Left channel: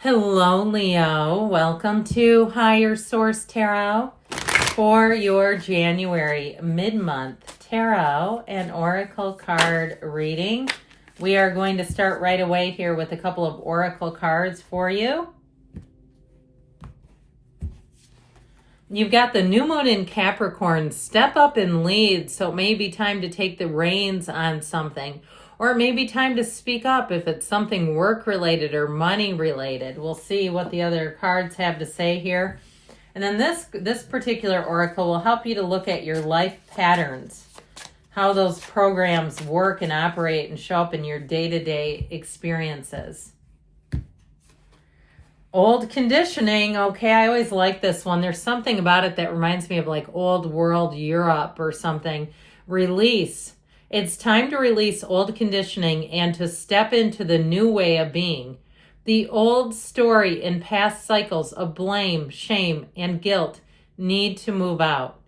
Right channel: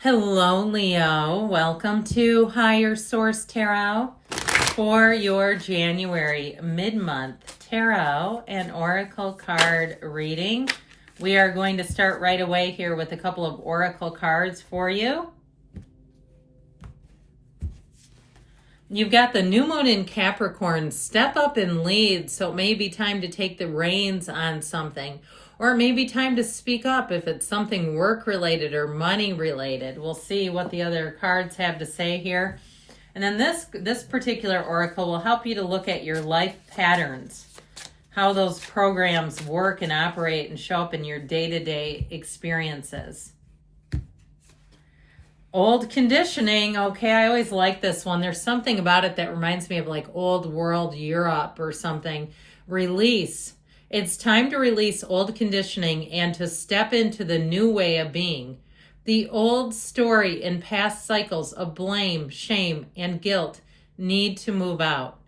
Hello, Leo. Welcome to Higher Source Tarot for your January mid-month tarot and oracle card reading. We are going to start right away here with a couple of oracle cards for you. You've got the new moon in Capricorn. Step up and lead, so it may be time to take the reins on something. Or it may be time to speak up if it's something work-related or money-related. We'll see what the other cards have to say here. And then this particular oracle will help you to look at your life patterns, how those programs work and operate and show up in your day-to-day experiences. Old conditioning. Okay, I always like this one. There's something about it that reminds me of like old world Europe or something. Release. It's time to release old conditioning and to step into the new way of being. The old story and past cycles of blame, shame, and guilt need to move out.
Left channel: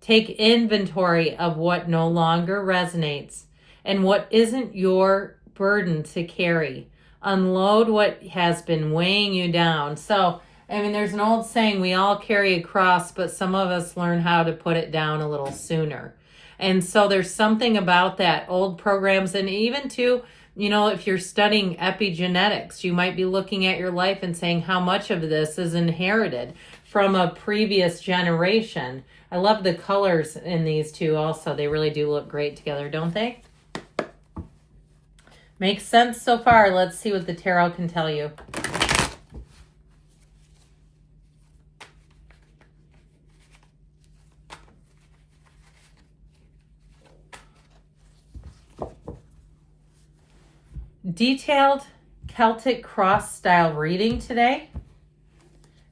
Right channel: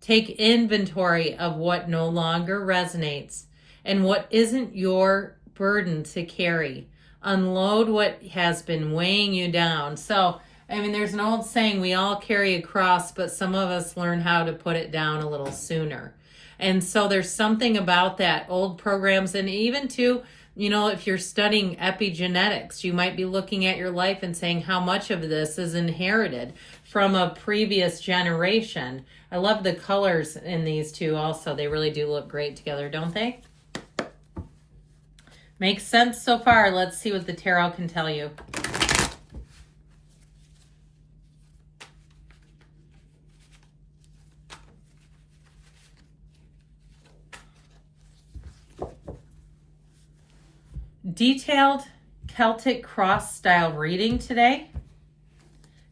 Take inventory of what no longer resonates and what isn't your burden to carry. Unload what has been weighing you down. So, there's an old saying, we all carry a cross, but some of us learn how to put it down a little sooner. And so there's something about that, old programs, and even too, if you're studying epigenetics, you might be looking at your life and saying how much of this is inherited from a previous generation. I love the colors in these two also. They really do look great together, don't they? Makes sense so far. Let's see what the tarot can tell you. Detailed Celtic cross style reading today.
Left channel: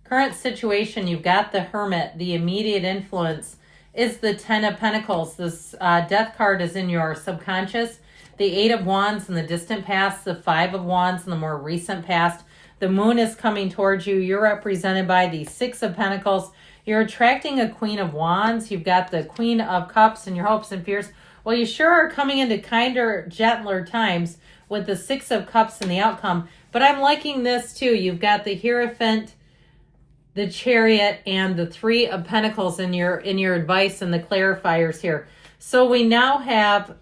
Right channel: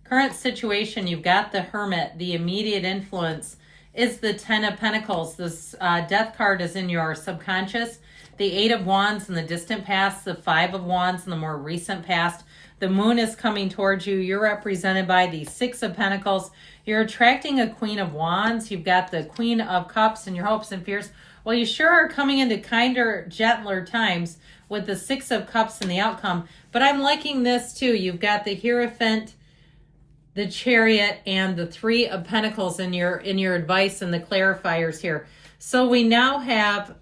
Current situation, you've got the Hermit. The immediate influence is the Ten of Pentacles. This death card is in your subconscious. The Eight of Wands in the distant past, the Five of Wands in the more recent past. The moon is coming towards you. You're represented by the Six of Pentacles. You're attracting a Queen of Wands. You've got the Queen of Cups and your hopes and fears. Well, you sure are coming into kinder, gentler times with the Six of Cups and the outcome. But I'm liking this too. You've got the Hierophant, the Chariot, and the Three of Pentacles in your advice and the clarifiers here. So we now have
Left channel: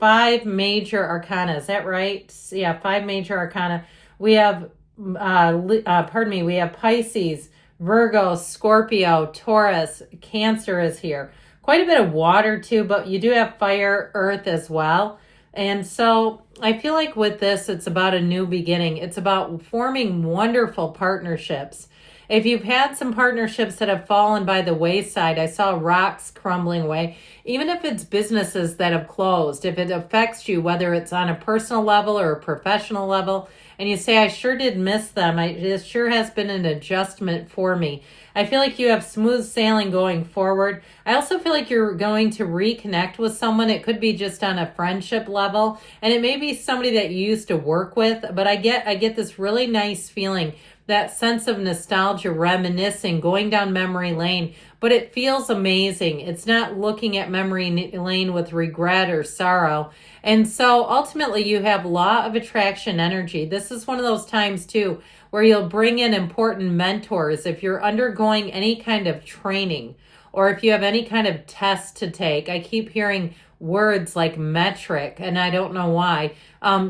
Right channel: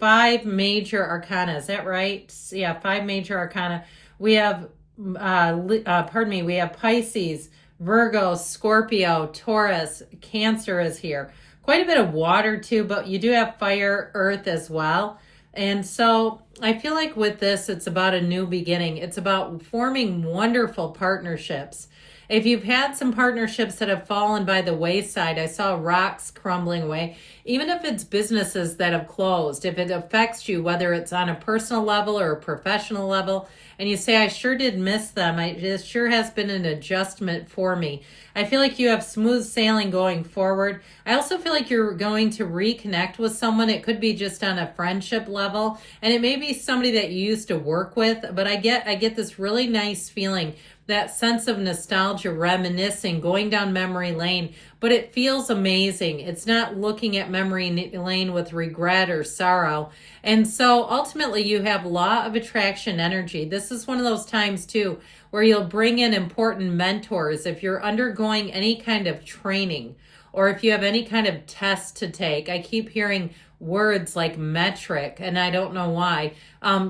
5 major arcana. Is that right? Yeah, 5 major arcana. We have, we have Pisces, Virgo, Scorpio, Taurus, Cancer is here. Quite a bit of water too, but you do have fire, earth as well. And so I feel like with this, it's about a new beginning. It's about forming wonderful partnerships. If you've had some partnerships that have fallen by the wayside, I saw rocks crumbling away, even if it's businesses that have closed, if it affects you, whether it's on a personal level or a professional level, and you say, I sure did miss them. This sure has been an adjustment for me. I feel like you have smooth sailing going forward. I also feel like you're going to reconnect with someone. It could be just on a friendship level, and it may be somebody that you used to work with, but I get this really nice feeling, that sense of nostalgia, reminiscing, going down memory lane, but it feels amazing. It's not looking at memory lane with regret or sorrow. And so ultimately you have law of attraction energy. This is one of those times too where you'll bring in important mentors. If you're undergoing any kind of training or if you have any kind of test to take, I keep hearing words like metric, and I don't know why.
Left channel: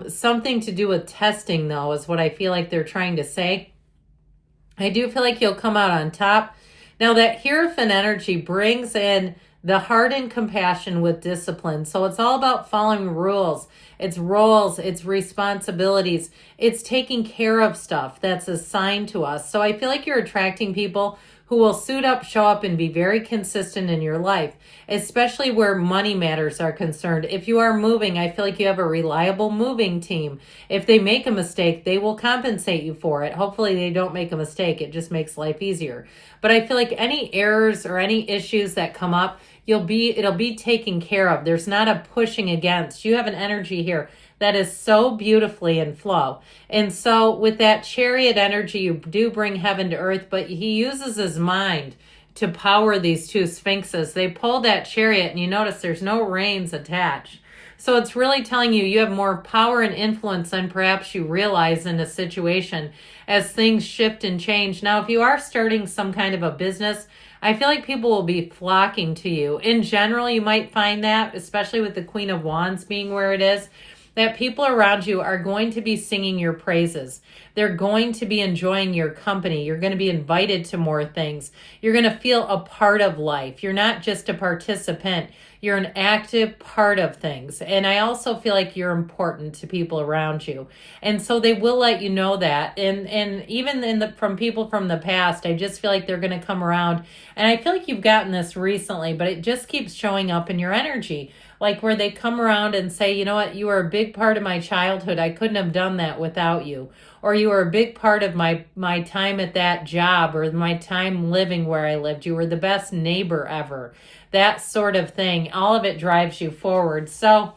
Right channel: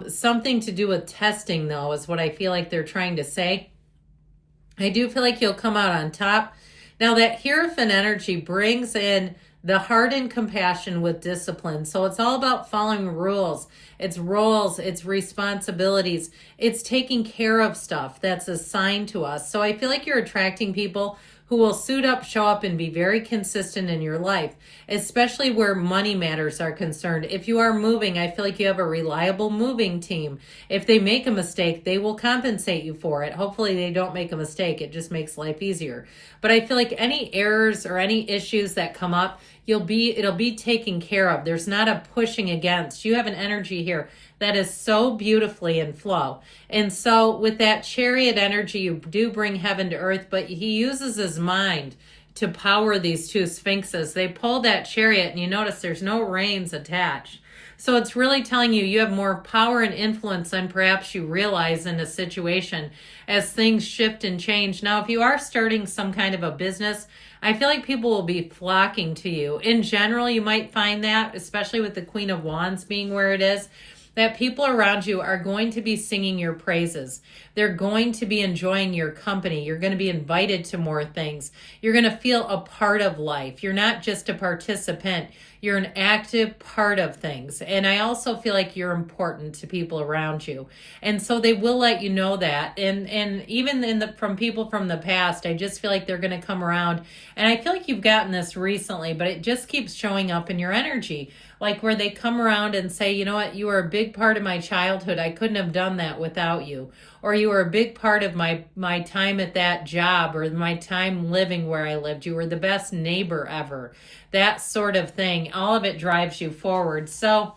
Something to do with testing though is what I feel like they're trying to say. I do feel like you'll come out on top. Now that Hierophant energy brings in the heart and compassion with discipline. So it's all about following rules. It's roles, it's responsibilities. It's taking care of stuff that's assigned to us. So I feel like you're attracting people who will suit up, show up, and be very consistent in your life, especially where money matters are concerned. If you are moving, I feel like you have a reliable moving team. If they make a mistake, they will compensate you for it. Hopefully they don't make a mistake. It just makes life easier. But I feel like any errors or any issues that come up, it'll be taken care of. There's not a pushing against. You have an energy here that is so beautifully in flow. And so with that Chariot energy, you do bring heaven to earth, but he uses his mind to power these two sphinxes. They pull that chariot, and you notice there's no reins attached. So it's really telling you you have more power and influence than perhaps you realize in a situation as things shift and change. Now, if you are starting some kind of a business, I feel like people will be flocking to you. In general, you might find that, especially with the Queen of Wands being where it is, that people around you are going to be singing your praises. They're going to be enjoying your company. You're going to be invited to more things. You're going to feel a part of life. You're not just a participant. You're an active part of things. And I also feel like you're important to people around you. And so they will let you know that. And even from people from the past, I just feel like they're going to come around. And I feel like you've gotten this recently, but it just keeps showing up in your energy. Like where they come around and say, you know what, you were a big part of my childhood. I couldn't have done that without you. Or you were a big part of my time at that job or my time living where I lived. You were the best neighbor ever. That sort of thing. All of it drives you forward. So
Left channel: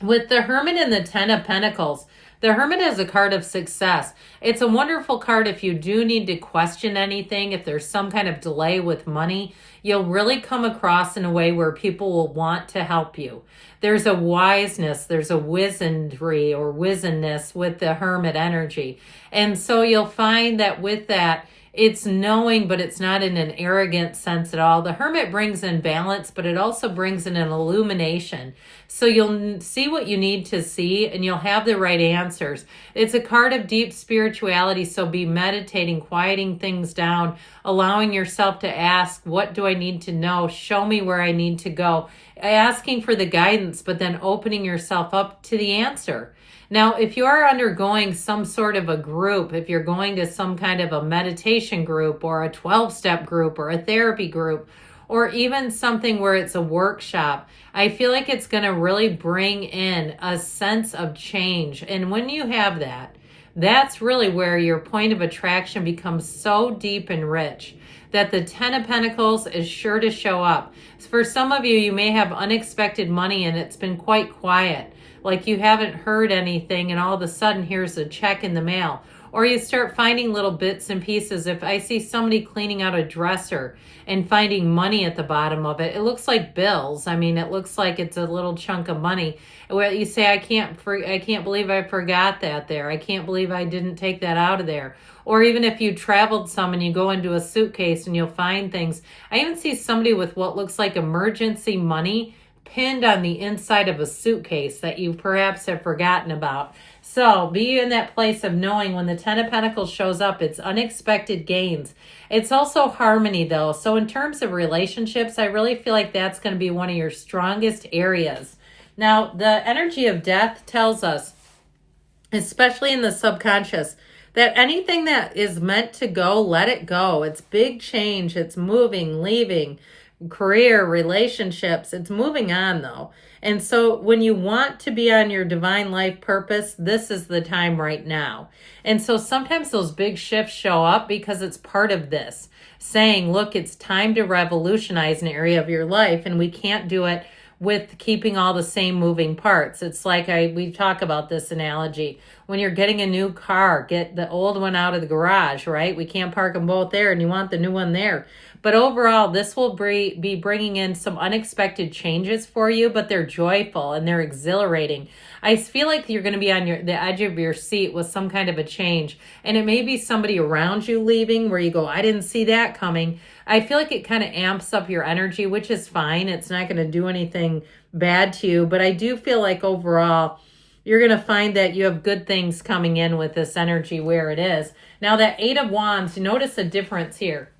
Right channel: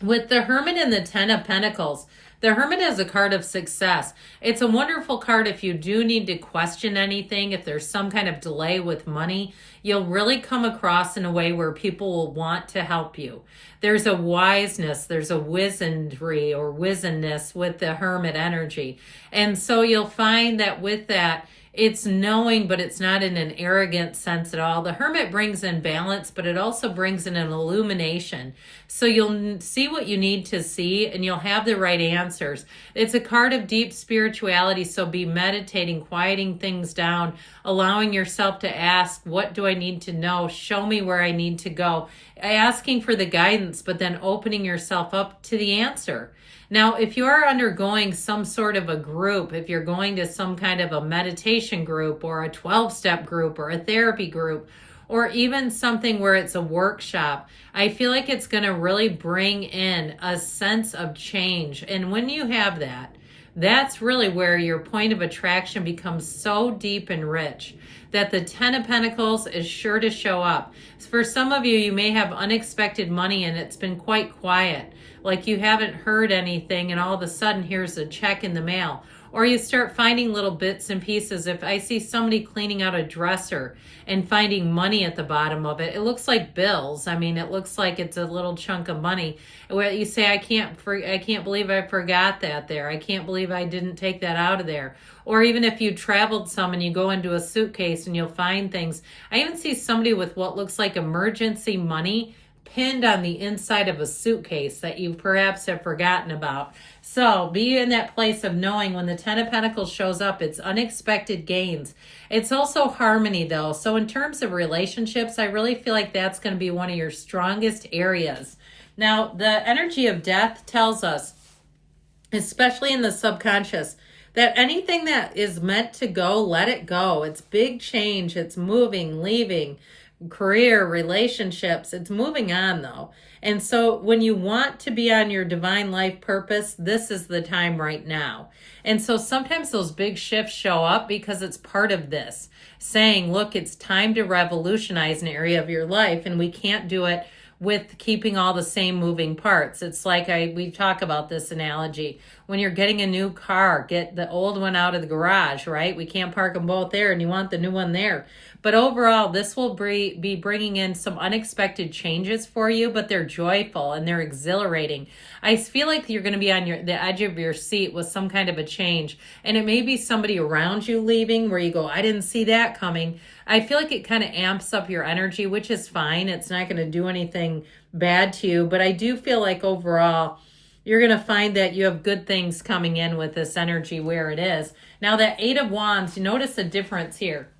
with the Hermit and the Ten of Pentacles, the Hermit is a card of success. It's a wonderful card if you do need to question anything, if there's some kind of delay with money. You'll really come across in a way where people will want to help you. There's a wiseness, there's a wizardry or wizenness with the Hermit energy. And so you'll find that with that, it's knowing, but it's not in an arrogant sense at all. The Hermit brings in balance, but it also brings in an illumination. So you'll see what you need to see and you'll have the right answers. It's a card of deep spirituality, so be meditating, quieting things down, allowing yourself to ask, what do I need to know? Show me where I need to go. Asking for the guidance, but then opening yourself up to the answer. Now, if you are undergoing some sort of a group, if you're going to some kind of a meditation group or a 12-step group or a therapy group, or even something where it's a workshop, I feel like it's going to really bring in a sense of change. And when you have that, that's really where your point of attraction becomes so deep and rich that the Ten of Pentacles is sure to show up. For some of you, you may have unexpected money and it's been quite quiet. Like you haven't heard anything and all of a sudden here's a check in the mail. Or you start finding little bits and pieces. If I see somebody cleaning out a dresser and finding money at the bottom of it, it looks like bills. I mean, it looks like it's a little chunk of money. Where you say, I can't believe I forgot that there. I can't believe I didn't take that out of there. Or even if you traveled some and you go into a suitcase and you'll find things. I even see somebody with what looks like emergency money pinned on the inside of a suitcase that you perhaps have forgotten about. So be in that place of knowing when the Ten of Pentacles shows up, it's unexpected gains. It's also harmony though. So in terms of relationships, I really feel like that's going to be one of your strongest areas. Now, the energy of death tells us, especially in the subconscious, that anything that is meant to go, let it go. It's big change. It's moving, leaving, career, relationships. It's moving on though. And so when you want to be on your divine life purpose, this is the time right now. And so sometimes those big shifts show up because it's part of this, saying, look, it's time to revolutionize an area of your life, and we can't do it with keeping all the same moving parts. It's like we talk about this analogy. When you're getting a new car, get the old one out of the garage, right? We can't park them both there and you want the new one there. But overall, this will be bringing in some unexpected changes for you, but they're joyful and they're exhilarating. I feel like you're going to be on the edge of your seat with some kind of a change. And it may be somebody around you leaving where you go, I didn't see that coming. I feel like it kind of amps up your energy, which is fine. It's not going to do anything bad to you. But I do feel like overall, you're going to find that you have good things coming in with this energy where it is. Now that Eight of Wands, notice a difference here.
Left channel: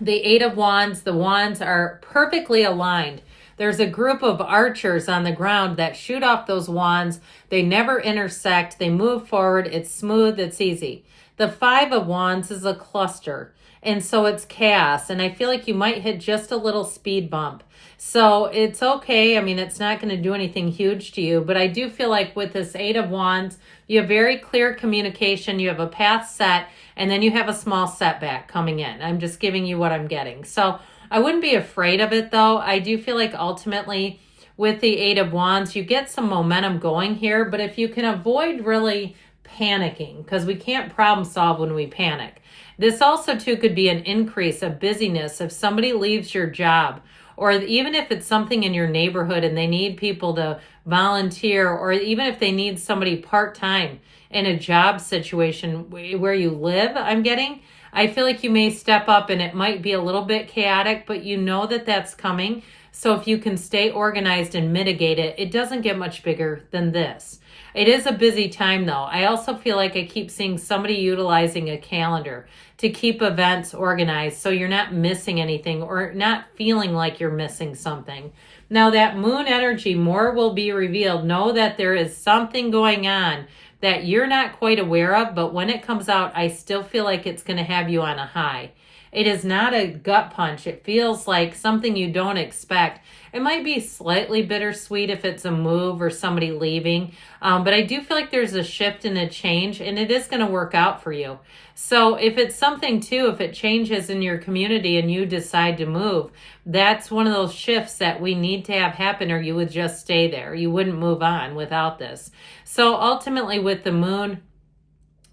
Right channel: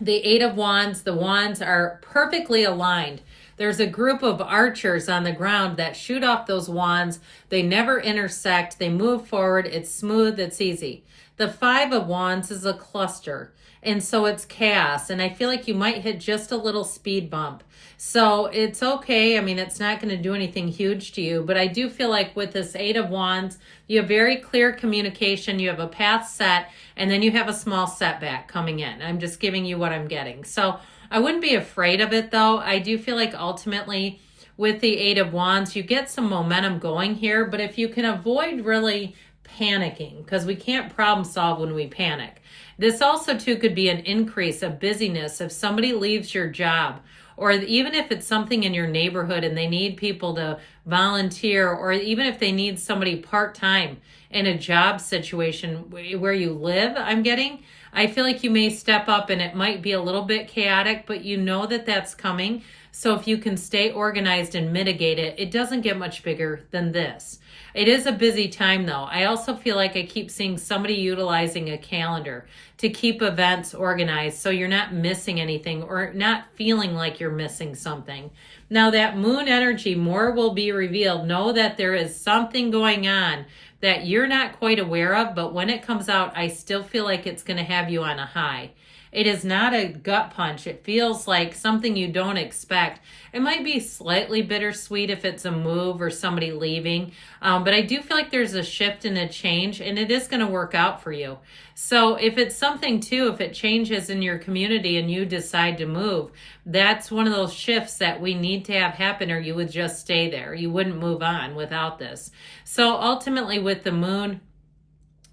The Eight of Wands, the wands are perfectly aligned. There's a group of archers on the ground that shoot off those wands. They never intersect. They move forward. It's smooth. It's easy. The Five of Wands is a cluster. And so it's chaos. And I feel like you might hit just a little speed bump. So it's okay. I mean, it's not going to do anything huge to you. But I do feel like with this Eight of Wands, you have very clear communication. You have a path set. And then you have a small setback coming in. I'm just giving you what I'm getting. So I wouldn't be afraid of it, though. I do feel like ultimately with the Eight of Wands, you get some momentum going here. But if you can avoid really panicking, because we can't problem solve when we panic. This also, too, could be an increase of busyness if somebody leaves your job or even if it's something in your neighborhood and they need people to volunteer, or even if they need somebody part-time in a job situation where you live, I feel like you may step up and it might be a little bit chaotic, but you know that that's coming. So if you can stay organized and mitigate it, it doesn't get much bigger than this. It is a busy time though. I also feel like I keep seeing somebody utilizing a calendar to keep events organized so you're not missing anything or not feeling like you're missing something. Now that moon energy, more will be revealed. Know that there is something going on that you're not quite aware of, but when it comes out, I still feel like it's going to have you on a high. It is not a gut punch. It feels like something you don't expect. It might be slightly bittersweet if it's a move or somebody leaving, but I do feel like there's a shift and a change, and it is going to work out for you. So if it's something too, if it changes in your community and you decide to move, that's one of those shifts that we need to have happen, or you would just stay there. You wouldn't move on without this. So ultimately with the moon,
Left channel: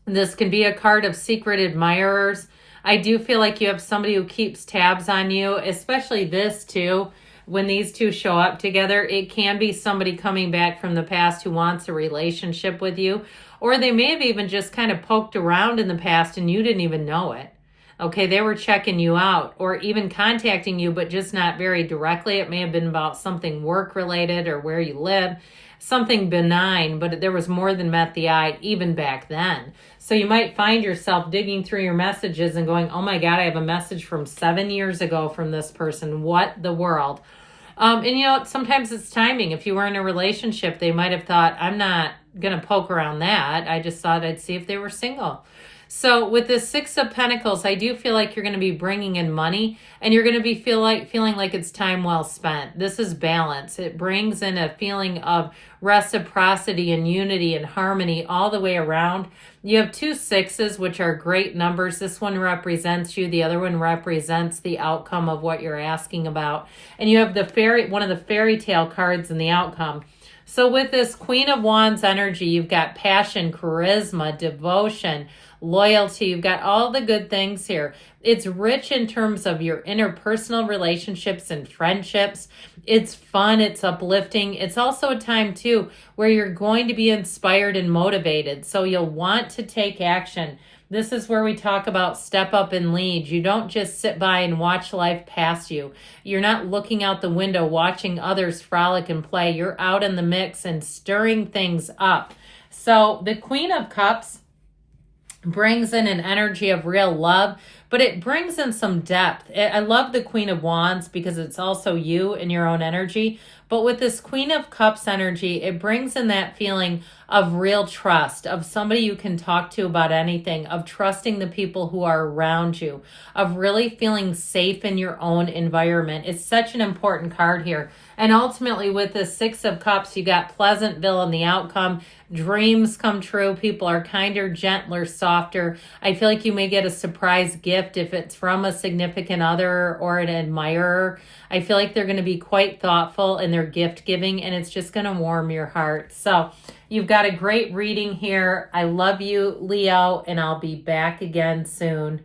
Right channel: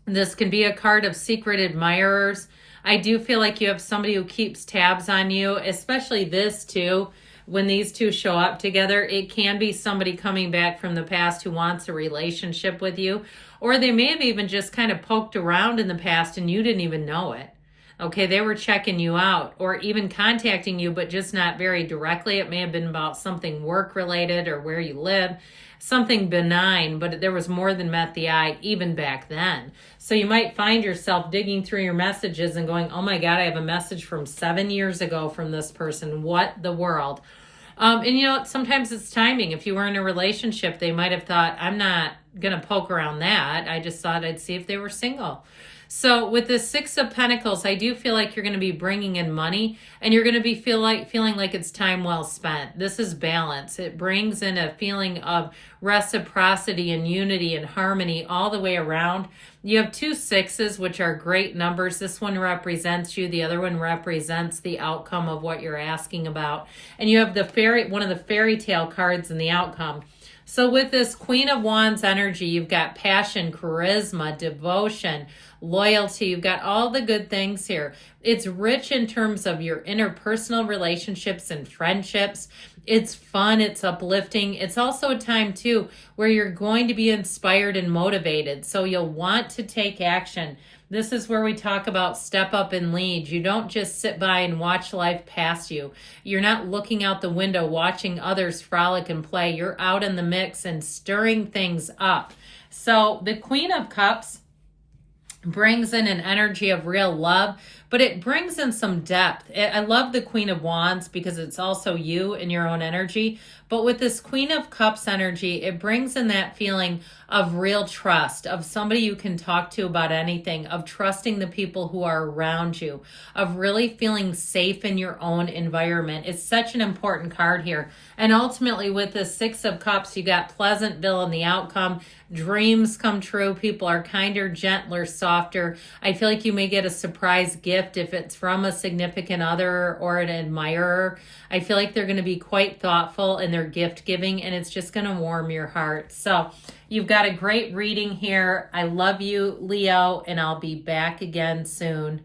this can be a card of secret admirers. I do feel like you have somebody who keeps tabs on you, especially this too. When these two show up together, it can be somebody coming back from the past who wants a relationship with you, or they may have even just kind of poked around in the past and you didn't even know it. Okay, they were checking you out or even contacting you, but just not very directly. It may have been about something work related or where you live, something benign, but there was more than met the eye even back then. So you might find yourself digging through your messages and going, oh my God, I have a message from 7 years ago from this person. What the world? And you know, sometimes it's timing. If you were in a relationship, they might have thought, I'm not going to poke around that. I just thought I'd see if they were single. So with the Six of Pentacles, I do feel like you're going to be bringing in money and you're going to be feeling like it's time well spent. This is balance. It brings in a feeling of reciprocity and unity and harmony all the way around. You have 2 6s, which are great numbers. This one represents you. The other one represents the outcome of what you're asking about. And you have one of the fairy tale cards in the outcome. So with this Queen of Wands energy, you've got passion, charisma, devotion, loyalty. You've got all the good things here. It's rich in terms of your interpersonal relationships and friendships. It's fun. It's uplifting. It's also a time too where you're going to be inspired and motivated. So you'll want to take action. This is where we talk about step up and lead. You don't just sit by and watch life pass you. You're not looking out the window watching others frolic and play. You're out in the mix and stirring things up. So the Queen of Cups brings in an energy of real love, but it brings in some depth. I love the Queen of Wands because it's also you and your own energy. But with this Queen of Cups energy, it brings in that feeling of real trust, of somebody you can talk to about anything, of trusting the people who are around you, of really feeling safe in your own environment. It's such an important card here. And ultimately with the Six of Cups, you got Pleasantville in the outcome. Dreams come true. People are kinder, gentler, softer. I feel like you may get a surprise gift if it's from a significant other or an admirer. I feel like they're going to be quite thoughtful in their gift giving, and it's just going to warm your heart. So you've got a great reading here. I love you, Leo, and I'll be back again soon.